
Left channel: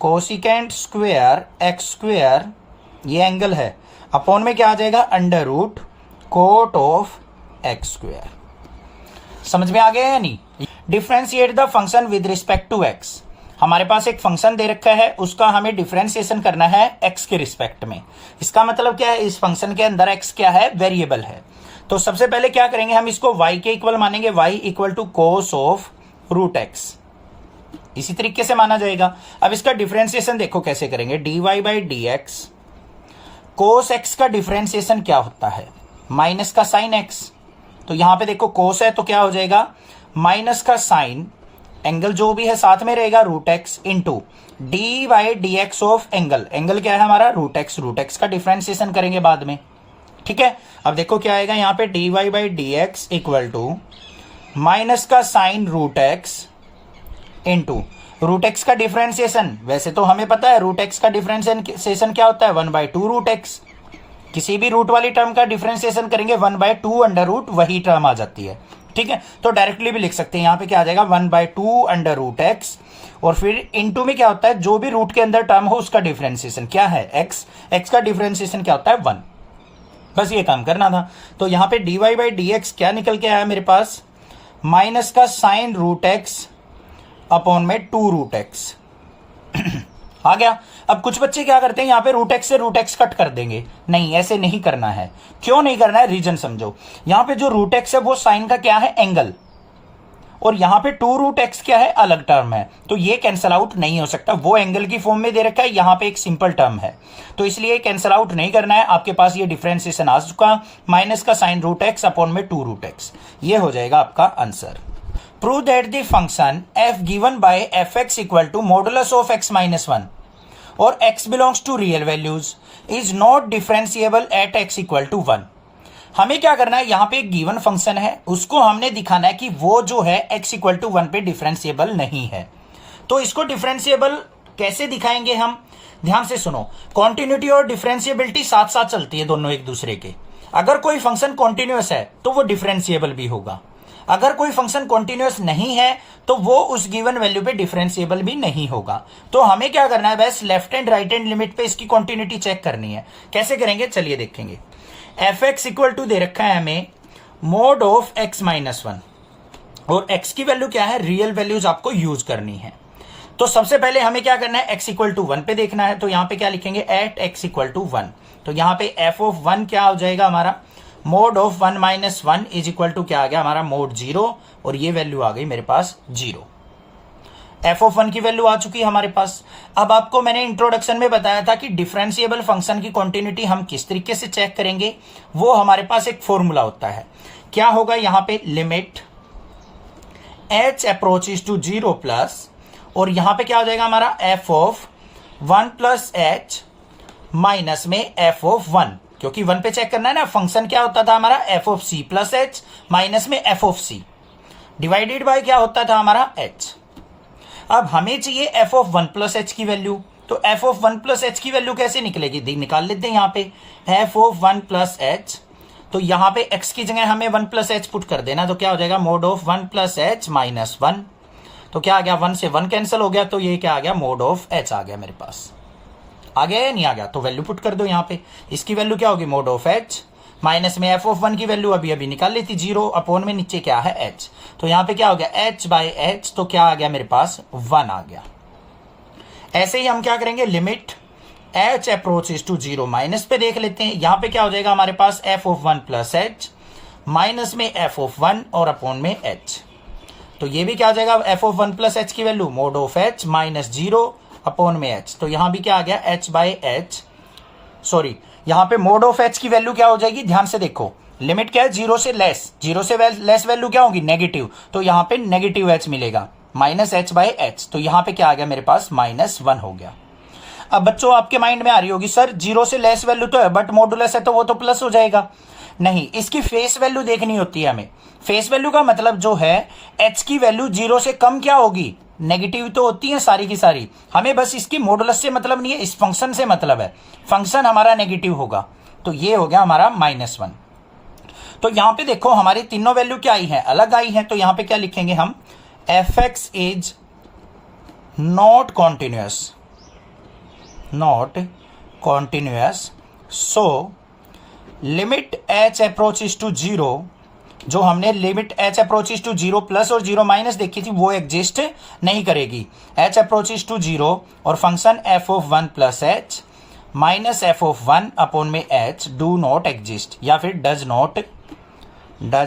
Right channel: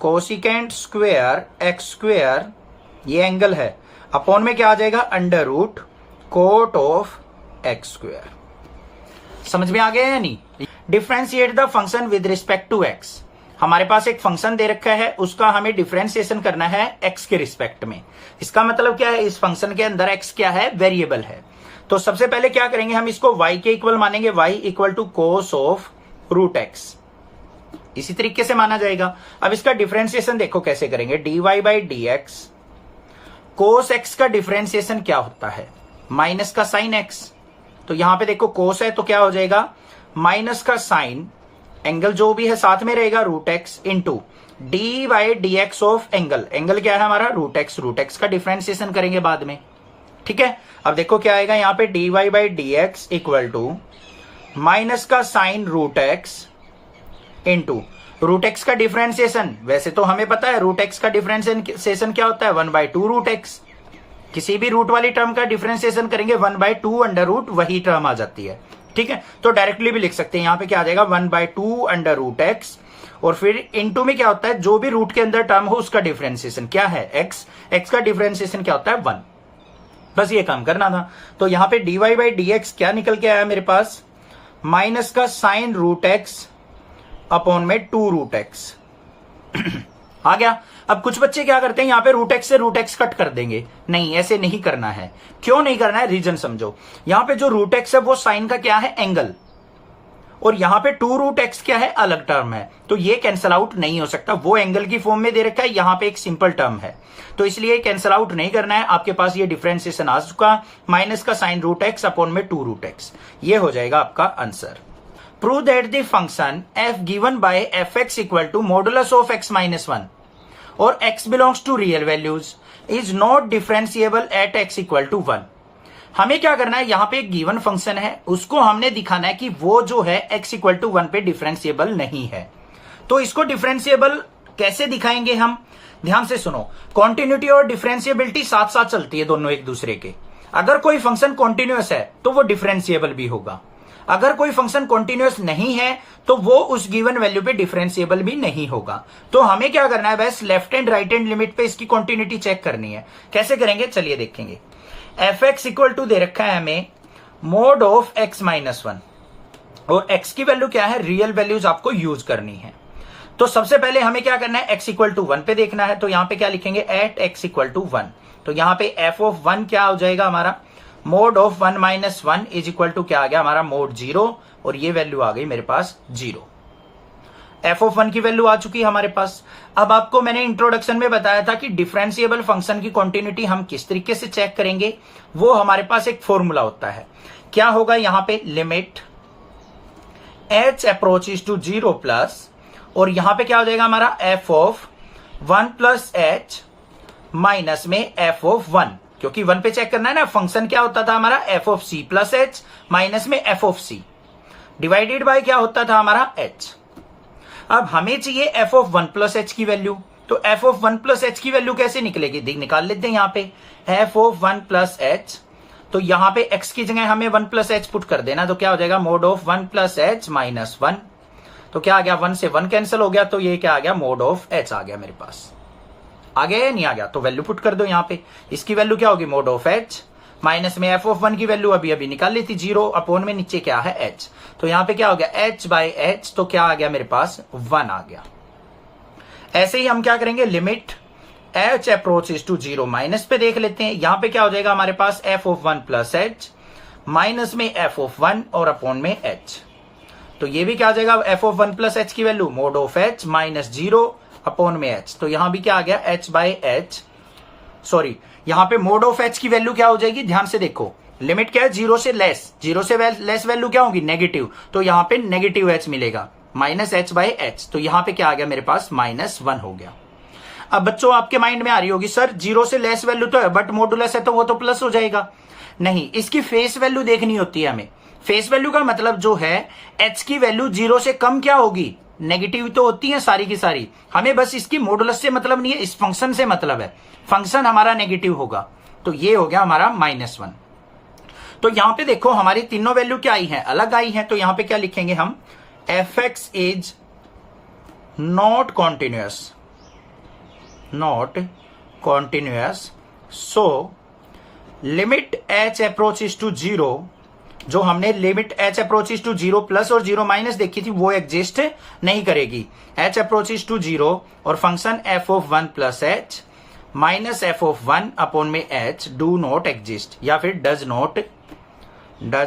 cosecant square x square, ये एंगल है, अपॉन में क्या आ जाएगा under root cot of x square. समझ में आ गया या नहीं। Differentiate the function with respect to x. हमारे पास एक फंक्शन दे रखा है, उसका हमें डिफरेंशिएशन करना है x के रिस्पेक्ट में। इसका मतलब क्या है, इस फंक्शन के अंदर x क्या है, वेरिएबल है। तो सबसे पहले क्या करेंगे, हम इसको y के इक्वल मानेंगे, y equal to cos of root x, इसी तरीके से माना जाएगा। अब इसका डिफरेंशिएशन देखो कैसे करेंगे, dy by d x, cos x का डिफरेंशिएशन क्या होता है, माइनस का साइन x। तो यहां पे देखो कोस है तो क्या हो जाएगा, माइनस का साइन, एंगल जो भी है साथ में रहेगा root x, into d by d x of angle, angle क्या है हमारा रूट एक्स, रूट एक्स का डिफरेंशिएशन करेंगे बाद में, ठीक है। अब देखो क्या आएगा यहाँ पे, d y by d x equal to minus का sine root x into root x का डिफरेंशिएशन। वैसे तो हमें पता है रूट एक्स का डिफरेंशिएशन क्या होता है, 1/2 रूट एक्स। किसी भी रूट वाली टर्म का डिफरेंशिएशन करेंगे 1/2 अंडर रूट, वही टर्म आ जाती है, ठीक है। तो डायरेक्टली भी लिख सकते हैं, यहां पे क्या आ जाएगा 1/2 अंडर रूट एक्स, और फिर इनटू में क्या होता है, जो भी रूट के अंदर टर्म हो उसका डिफरेंशिएशन क्या है, एक्स, एक्स का डिफरेंशिएशन क्या होता है 1। बस ये काम करना था। तो यहां पे dy बाई डी एक्स क्या निकल के आया मेरे पास, माइनस का साइन रूट एक्स अपॉन में 2 रूट एक्स आ गया। अब कुछ बच्चे क्या करते हैं, यहां पे रूट एक्स से रूट एक्स कट कर देंगे, नहीं ऐसे नहीं करना है। क्यों नहीं करना है, रीजन समझो। यहां पे जो रूट एक्स है वो साइन का क्या है, एंगल, और यहां पे 2 रूट एक्स क्या है, अलग टर्म है, तो ये कैंसल आउट नहीं हो सकता। वो एंगल की फॉर्म में दे रखा है, यहां पे एक सिंपल टर्म है, तो इसलिए कैंसल आउट नहीं करना है। आपके पास ये डिफरेंशिएशन आ चुका, माइनस का साइन रूट एक्स अपॉन में 2 रूट एक्स, ये हो जाएगा आपका answer. Prove that the function f given by fx equal to modulus of x minus 1 और x belongs to real values is not differentiable at x equal to 1। हमें क्या करना है, यहां पे एक गिवन फंक्शन है, उसको हमने दिखाना है कि वो जो है x इक्वल टू 1 पे डिफरेंशिएबल नहीं है। तो इसको डिफरेंशिएबल कैसे दिखाएंगे हम, ध्यान से सुनो। कॉन्टिन्यूटी और डिफरेंशिएबिलिटी साथ साथ चलती है दोनों एक दूसरे के। अगर कोई फंक्शन कॉन्टिन्यूअस है तो वो डिफरेंशिएबल भी होगा, अगर कोई फंक्शन कॉन्टिन्यूअस नहीं है तो वो उस गिवन वैल्यू पे डिफरेंशिएबल भी नहीं होगा। तो हमें क्या करना है, बस left and right and limit पे इसकी कॉन्टिन्यूटी चेक करनी है। कैसे करेंगे, चलिए देखेंगे। एफ एक्स इक्वल टू दे रखा है हमें मोड ऑफ एक्स माइनस 1, और एक्स की वैल्यू क्या है, रियल वैल्यूज आपको यूज करनी है। तो सबसे पहले हमें क्या करना है, एक्स इक्वल टू 1 पे देखना है। तो यहां पे क्या लिखेंगे, एट एक्स इक्वल टू 1। तो यहां पे एफ ऑफ 1 क्या हो जाएगा हमारा, mod of 1 minus 1 is equal to क्या आ गया हमारा, मोड 0, और ये वैल्यू आ गई मेरे पास 0। एफ ऑफ 1 की वैल्यू आ चुकी है हमारे पास। अब आपको मैंने इंट्रोडक्शन में बताया था कि डिफरेंशिएबल फंक्शन की कॉन्टिन्यूटी हम किस तरीके से चेक करेंगे, वो हमारे पास एक फॉर्मूला होता है। क्या होगा यहां पे, limit h approaches to 0 plus, और यहां पे क्या हो जाएगा हमारा f of 1 plus h minus में f ऑफ 1, क्योंकि 1 पे चेक करना है ना। फंक्शन क्या होता था हमारा, f of c plus h minus में f of c divided by क्या होता था हमारा h। अब हमें चाहिए f ऑफ 1 प्लस h की वैल्यू, तो f ऑफ 1 प्लस h की वैल्यू कैसे निकलेगी, निकाल लेते हैं यहाँ पे f ऑफ 1 प्लस h। तो यहाँ पे x की जगह हमें 1 प्लस h पुट कर देना, तो क्या हो जाएगा, mode of 1 plus h minus 1। तो क्या आ गया, 1 से 1 कैंसिल हो गया, तो ये क्या आ गया, मोड ऑफ h आ गया मेरे पास। आ गया या नहीं आ गया, तो वैल्यू पुट कर दो यहाँ पे। इसकी वैल्यू क्या होगी, मोड ऑफ h माइनस में f ऑफ 1 की वैल्यू अभी अभी निकाल ली थी 0, अपॉन में नीचे क्या है h। तो यहां पे क्या हो गया, h बाय h, तो क्या आ गया मेरे पास 1 आ गया। ऐसे ही हम क्या करेंगे, limit h approaches to 0 minus पे देख लेते हैं। यहां पे क्या हो जाएगा हमारे पास, f of 1 plus h minus में f ऑफ 1 और अपॉन में h। तो ये भी क्या आ जाएगा, f ऑफ 1 प्लस h की value mode of h minus 0 upon में h। तो यहां भी क्या आ गया, h बाय h, सॉरी यहां पे मोड ऑफ h की वैल्यू क्या हो जाएगी, ध्यान से देखो। लिमिट क्या है, 0 से लेस, 0 से लेस वैल्यू क्या होगी, नेगेटिव, तो यहां पे नेगेटिव h मिलेगा, माइनस h बाय h। तो यहां पे क्या आ गया मेरे पास, माइनस 1 हो गया। अब बच्चों आपके माइंड में आ रही होगी, सर 0 से लेस वैल्यू तो है बट मॉडुलस है तो वो तो प्लस हो जाएगा। नहीं, इसकी फेस वैल्यू देखनी होती है हमें। फेस वैल्यू का मतलब जो है, h की वैल्यू 0 से कम क्या होगी, नेगेटिव तो होती है सारी की सारी। हमें बस इसकी मॉडुलस से मतलब नहीं है, इस फंक्शन से मतलब है। फंक्शन हमारा नेगेटिव होगा, तो ये हो गया हमारा -1। तो यहां पे देखो हमारी तीनों वैल्यू क्या आई है, अलग आई है। तो यहां पे क्या लिखेंगे हम, fx is not continuous, not continuous, so limit h approaches to 0 जो हमने limit h approaches to 0 plus और 0 माइनस देखी थी वो एग्जिस्ट नहीं करेगी। h अप्रोचेस टू 0 और function f of 1 plus h minus f of 1 upon में h डू नॉट एग्जिस्ट या फिर does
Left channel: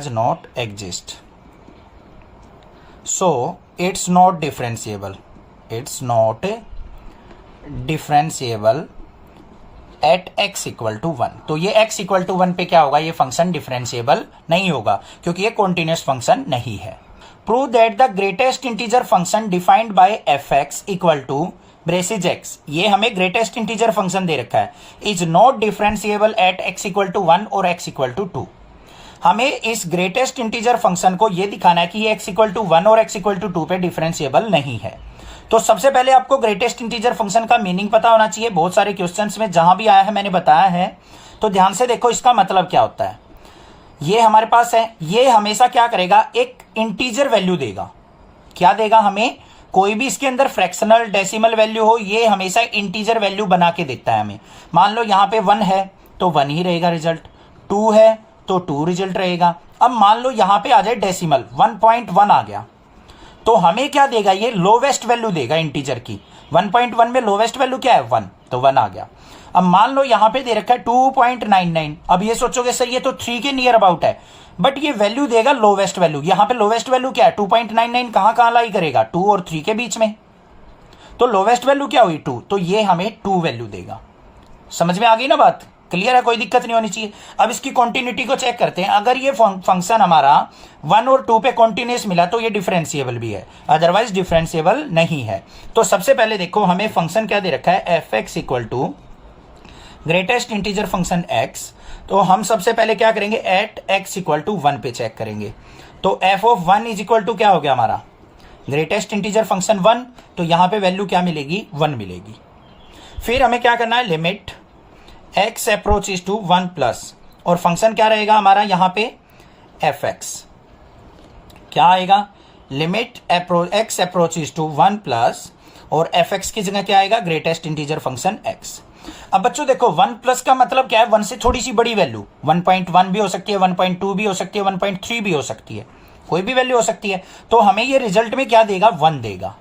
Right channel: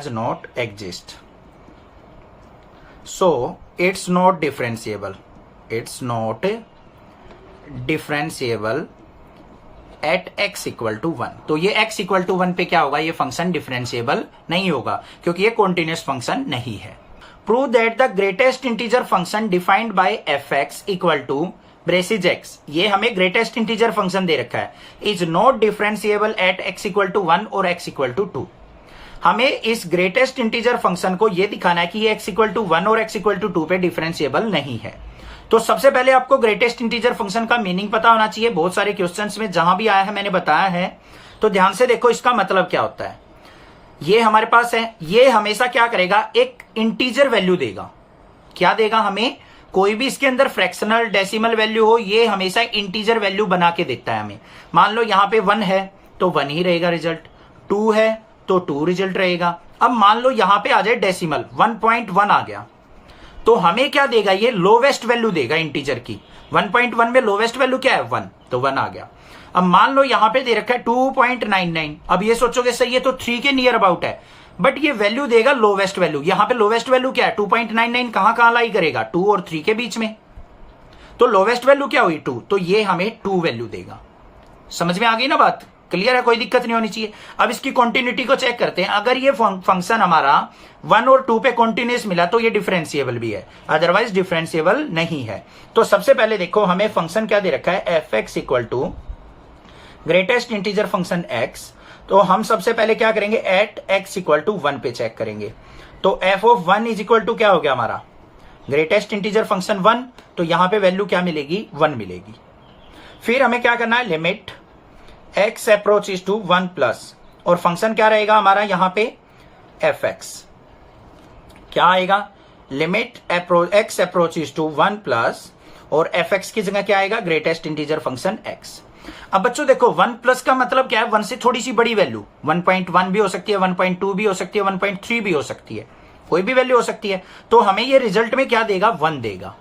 not exist. So it's not differentiable, it's not differentiable at x equal to 1। तो ये x equal to 1 पे क्या होगा, ये फंक्शन डिफरेंशिएबल नहीं होगा क्योंकि ये कॉन्टिन्यूस फंक्शन नहीं है। Prove that the greatest integer function defined by fx equal to braces x, ये हमें ग्रेटेस्ट इंटीजर फंक्शन दे रखा है, is not differentiable at x equal to 1 और x इक्वल टू 2। हमें इस ग्रेटेस्ट इंटीजर फंक्शन को ये दिखाना है कि ये x इक्वल टू 1 और x इक्वल टू 2 पे डिफरेंशिएबल नहीं है। तो सबसे पहले आपको ग्रेटेस्ट इंटीजर फंक्शन का मीनिंग पता होना चाहिए। बहुत सारे क्वेश्चंस में जहां भी आया है मैंने बताया है, तो ध्यान से देखो इसका मतलब क्या होता है। ये हमारे पास है, ये हमेशा क्या करेगा, एक इंटीजर वैल्यू देगा। क्या देगा हमें, कोई भी इसके अंदर फ्रैक्शनल डेसिमल वैल्यू हो, ये हमेशा इंटीजर वैल्यू बना के देता है हमें। मान लो यहां पे 1 है तो 1 ही रहेगा रिजल्ट, 2 है तो 2 रिजल्ट रहेगा। अब मान लो यहां पे आ जाए डेसिमल 1.1 आ गया, तो हमें क्या देगा, ये लोवेस्ट वैल्यू देगा इंटीजर की। 1.1 में लोवेस्ट वैल्यू क्या है, 1, तो 1 आ गया। अब मान लो यहां पे दे रखा है 2.99, अब ये सोचोगे सही है तो 3 के नियर अबाउट है, बट ये वैल्यू देगा लोवेस्ट वैल्यू। यहां पे लोवेस्ट वैल्यू क्या है, 2.99 कहां लाई करेगा, 2 और 3 के बीच में, तो लोवेस्ट वैल्यू क्या हुई 2, तो ये हमें 2 वैल्यू देगा। समझ में आ गई ना बात, क्लियर है, कोई दिक्कत नहीं होनी चाहिए। अब इसकी कॉन्टिन्यूटी को चेक करते हैं। अगर ये फंक्शन हमारा 1 और 2 पे कॉन्टिन्यूस मिला तो ये डिफरेंशिएबल भी है, अदरवाइज डिफरेंशिएबल नहीं है। तो सबसे पहले देखो हमें फंक्शन क्या दे रखा है, fx equal to greatest integer function x। तो हम सबसे पहले क्या करेंगे, एट x इक्वल टू 1 पे चेक करेंगे। तो f of 1 is equal to क्या हो गया हमारा, ग्रेटेस्ट इंटीजर फंक्शन 1, तो यहां पे वैल्यू क्या मिलेगी, 1 मिलेगी। फिर हमें क्या करना है, limit x approaches to 1 plus, और फंक्शन क्या रहेगा हमारा यहां पे fx, क्या आएगा, limit x approaches to 1 plus, और fx की जगह क्या आएगा, ग्रेटेस्ट इंटीजर फंक्शन x। अब बच्चों देखो 1 प्लस का मतलब क्या है, 1 से थोड़ी सी बड़ी वैल्यू, 1.1 भी हो सकती है, 1.2 भी हो सकती है, 1.3 भी हो सकती है, कोई भी वैल्यू हो सकती है। तो हमें ये रिजल्ट में क्या देगा, 1 देगा।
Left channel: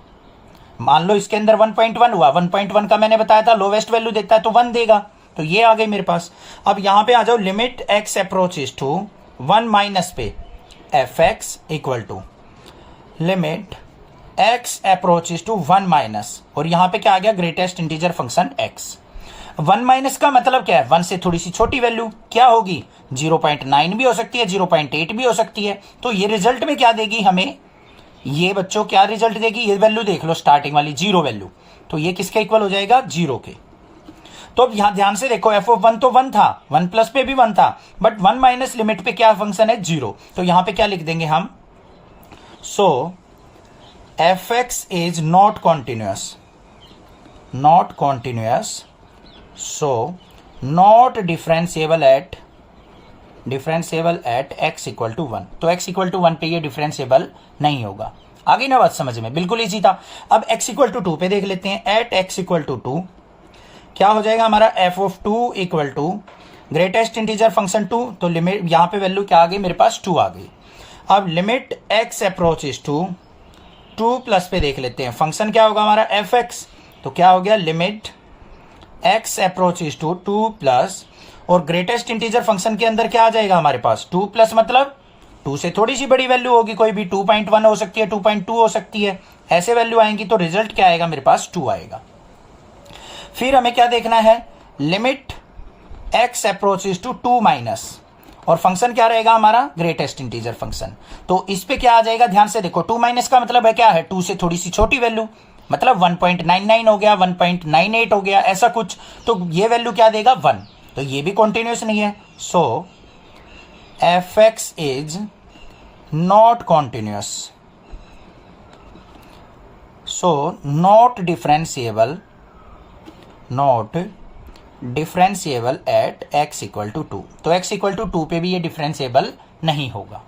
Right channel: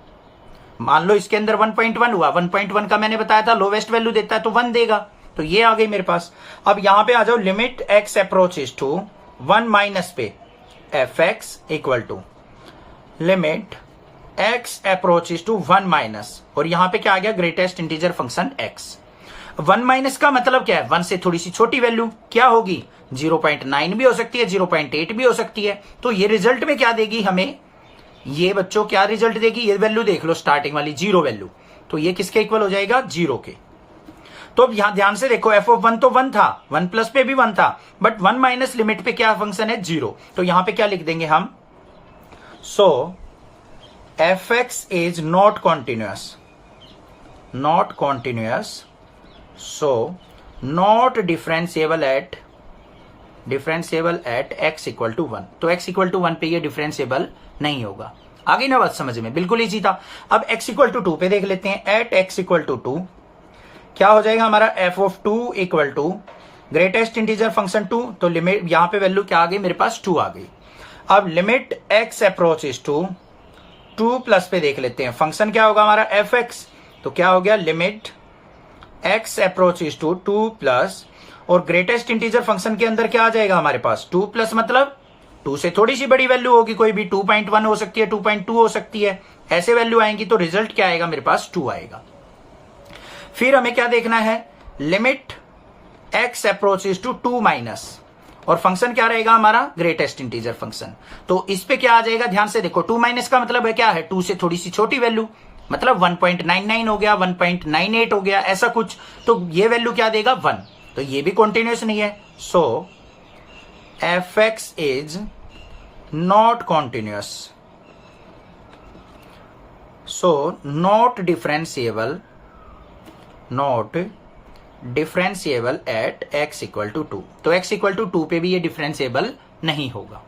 मान लो इसके अंदर 1.1 हुआ, 1.1 का मैंने बताया था लोवेस्ट वैल्यू देता है तो 1 देगा, तो ये आ गई मेरे पास। अब यहां पे आ जाओ, limit x approaches to 1 minus पे fx equal to limit x approaches to 1 minus, और यहां पे क्या आ गया, greatest integer function x। 1 minus का मतलब क्या है, 1 से थोड़ी सी छोटी वैल्यू क्या होगी, 0.9 भी हो सकती है, 0.8 भी हो सकती है। तो ये रिजल्ट में क्या देगी हमें, ये बच्चों क्या रिजल्ट देगी, ये वैल्यू देख लो स्टार्टिंग वाली 0 वैल्यू, तो ये किसके इक्वल हो जाएगा, 0 के। तो अब यहां ध्यान से देखो, f ऑफ 1 तो 1 था, 1 प्लस पे भी 1 था, बट 1 माइनस लिमिट पे क्या फंक्शन है, 0। तो यहां पे क्या लिख देंगे हम, so fx is not continuous, not continuous, so not differentiable at x equal to 1। तो x इक्वल टू 1 पे ये डिफरेंशिएबल नहीं होगा। आ गई ना बात समझ में, बिल्कुल इजी था। अब x इक्वल टू 2 पे देख लेते हैं, एट x इक्वल टू 2 क्या हो जाएगा हमारा, f of 2 equal to greatest integer function 2, तो लिमिट यहां पे वैल्यू क्या आ गई मेरे पास, 2 आ गई। अब limit x approaches to 2 plus पे देख लेते हैं, फंक्शन क्या होगा हमारा fx, तो क्या हो गया, limit x approaches to 2 plus, और ग्रेटेस्ट इंटीजर फंक्शन के अंदर क्या आ जाएगा हमारे पास, 2 प्लस मतलब 2 से थोड़ी सी बड़ी वैल्यू होगी, कोई भी 2.1 हो सकती है, 2.2 हो सकती है, ऐसे वैल्यू आएंगी, तो रिजल्ट क्या आएगा मेरे पास, 2 आएगा। फिर हमें क्या देखना है, limit x approaches to 2 minus, और फंक्शन क्या रहेगा हमारा, ग्रेटेस्ट इंटीजर फंक्शन। तो इस पे क्या आ जाएगा, ध्यान से देखो, 2 माइनस का मतलब है क्या है, 2 से थोड़ी सी छोटी वैल्यू, मतलब 1.99 हो गया, 1.98 हो गया, ऐसा कुछ। तो ये वैल्यू क्या देगा, 1, तो ये भी कॉन्टिन्यूअस नहीं है। So fx is not continuous, so not differentiable at x equal to 2। तो x इक्वल टू 2 पे भी ये डिफरेंशिएबल नहीं होगा।